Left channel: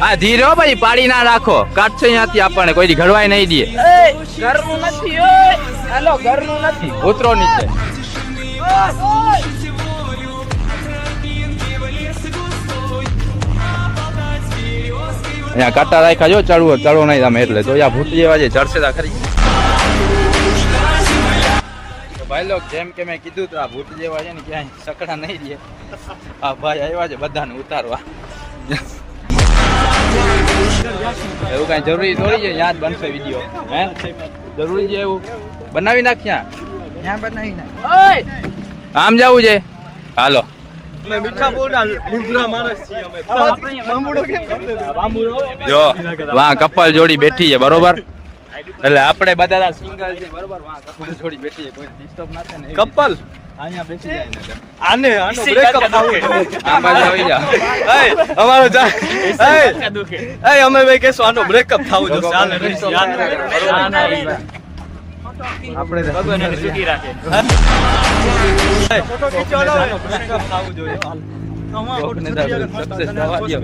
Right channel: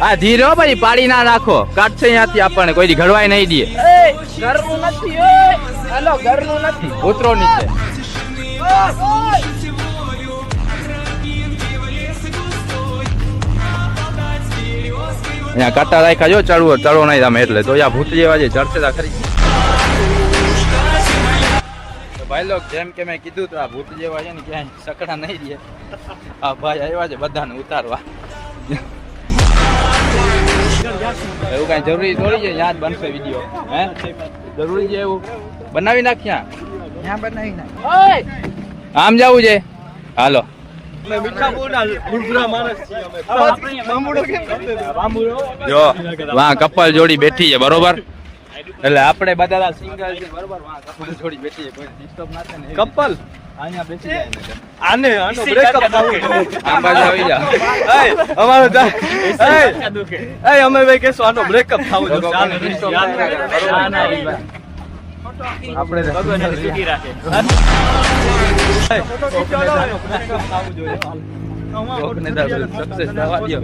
હા ધીરો ભાઈ પાડી ના રાખો કાઢશે ત્યાંથી આપણને કોઈ ઘડવાય નહીં દે ઉતરો નીચે અહીંયા કાંટા રાખ્યા જો ચડવો નહીં તમે એટલે તો ભૂત જેવા છે ચડશે તા ખરી ભાઈ લોક જેમ કે મેં કીધું તો આ ભૂત જેવા છે ને ક્યાંય સકડા નહીં દે આ ભાઈ આવ્યા છે બધાને ઉતારવા એવું કઈ જરૂરી થોડી છે યાદ બનશે વિડીયો હે જરૂરી છે એવું બનાવી નાખ્યા બનાવી નાખ આમ જવું છે હાલો વાહ કપલ જોડી બેઠી છે બરોબર એટલે આપણે બધા સિંગલ છે બરોબર વાહ કપલ જોડી બેઠી છે કોઈ ડિસ્ટર્બ ના થાય ને કપલ અહીંયા બેસી જાય આને આનો બ્રેકઅપ થાવું આ બાજુ આવી જા અમારો જા અમે ભાઈ કેસો આનો બ્રેકઅપ થાવું જો આને આપણે સક્સેસ થવા દો